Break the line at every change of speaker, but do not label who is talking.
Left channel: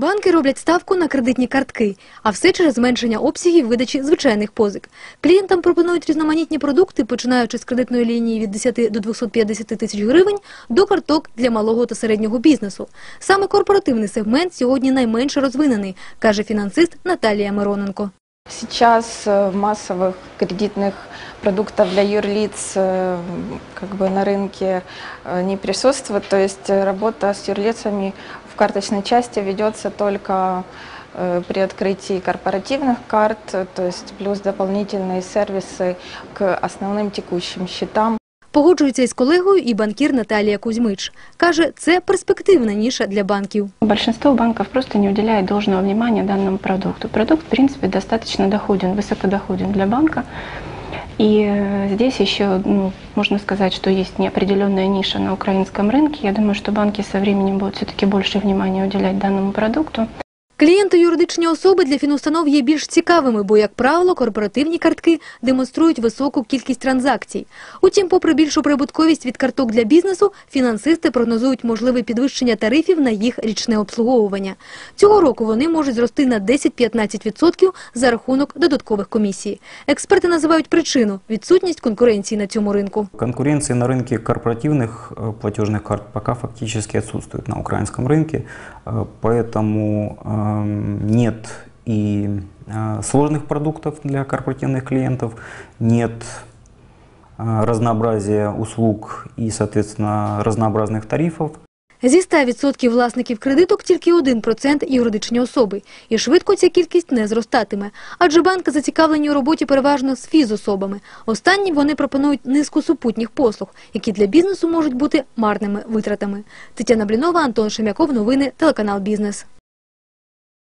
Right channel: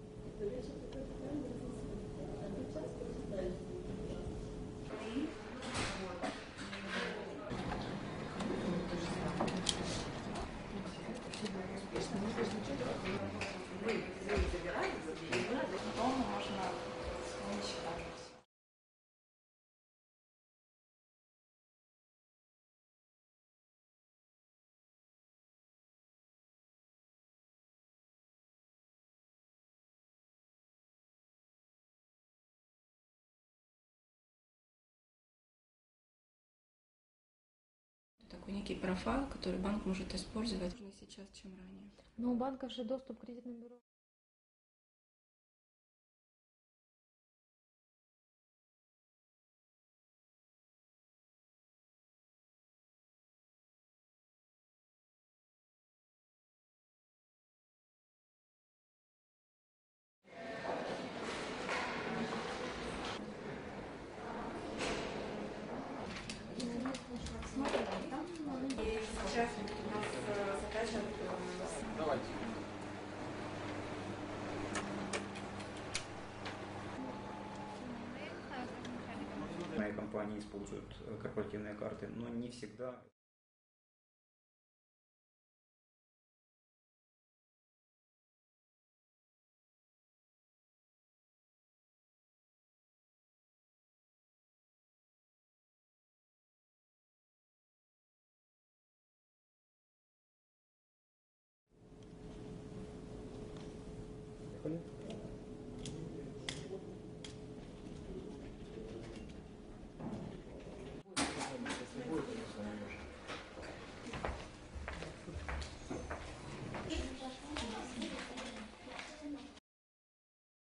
Банки роблять ставку на кредитні картки, а все через зменшення обсягів видачі звичайних позик. Клієнтам пропонують різноманітні продукти, починаючи з кредитної лінії від 10 до 250 тисяч гривень до карток для малого та середнього бізнесу. Саме корпоративний сегмент сьогодні найменше розвинений, каже фінансист Наталія Мироненко.
Сейчас э, массовых кредитных продуктов для юрлиц э, как бы на рынке э, не присутствует. То есть работа с юрлицами в карточной части ведется только при открытии корпоративных карт, то есть плюс дополнительные сервисы к основным текущим счетам.
Погоджується із колегою і банкір Наталія Кузьмич. Каже, це перспективна ніша для банків.
Большинство банков просто не уделяет должного внимания данному продукту. Продукт, в принципе, достаточно доходен, высокодоходен для банка. И э, здесь еще ну, можно сказать, что есть неопределенная ниша на украинском рынке. Я думаю, что банки со временем будут все-таки больше внимания уделять данному продукту.
Клієнти юридичні особи для фінустанов є більш цікавими, бо, як правило, корпоративні картки демонструють високу кількість транзакцій. Утім, попри більшу прибутковість від карток для бізнесу, фінансисти прогнозують можливе підвищення тарифів на їх річне обслуговування. Цього року вони можуть зрости на 10-15% за рахунок додаткових комісій. Експерти називають причину – відсутність конкуренції на цьому ринку.
Конкуренции на рынке корпоративных э, платежных карт пока фактически отсутствует на украинском рынке, э, поэтому эм, нет и э, сложных продуктов для корпоративных клиентов, нет э, разнообразия услуг и, соответственно, разнообразных тарифов.
Зі 100% власників кредиток тільки 1% юридичні особи. І швидко ця кількість не зростатиме. Адже банки зацікавлені у роботі переважно з фізособами. Останні вони пропонують низку супутніх послуг, які для бізнесу можуть бути марними витратами. Тетяна Блінова, Антон Шемяков. Новини, телеканал «Бізнес».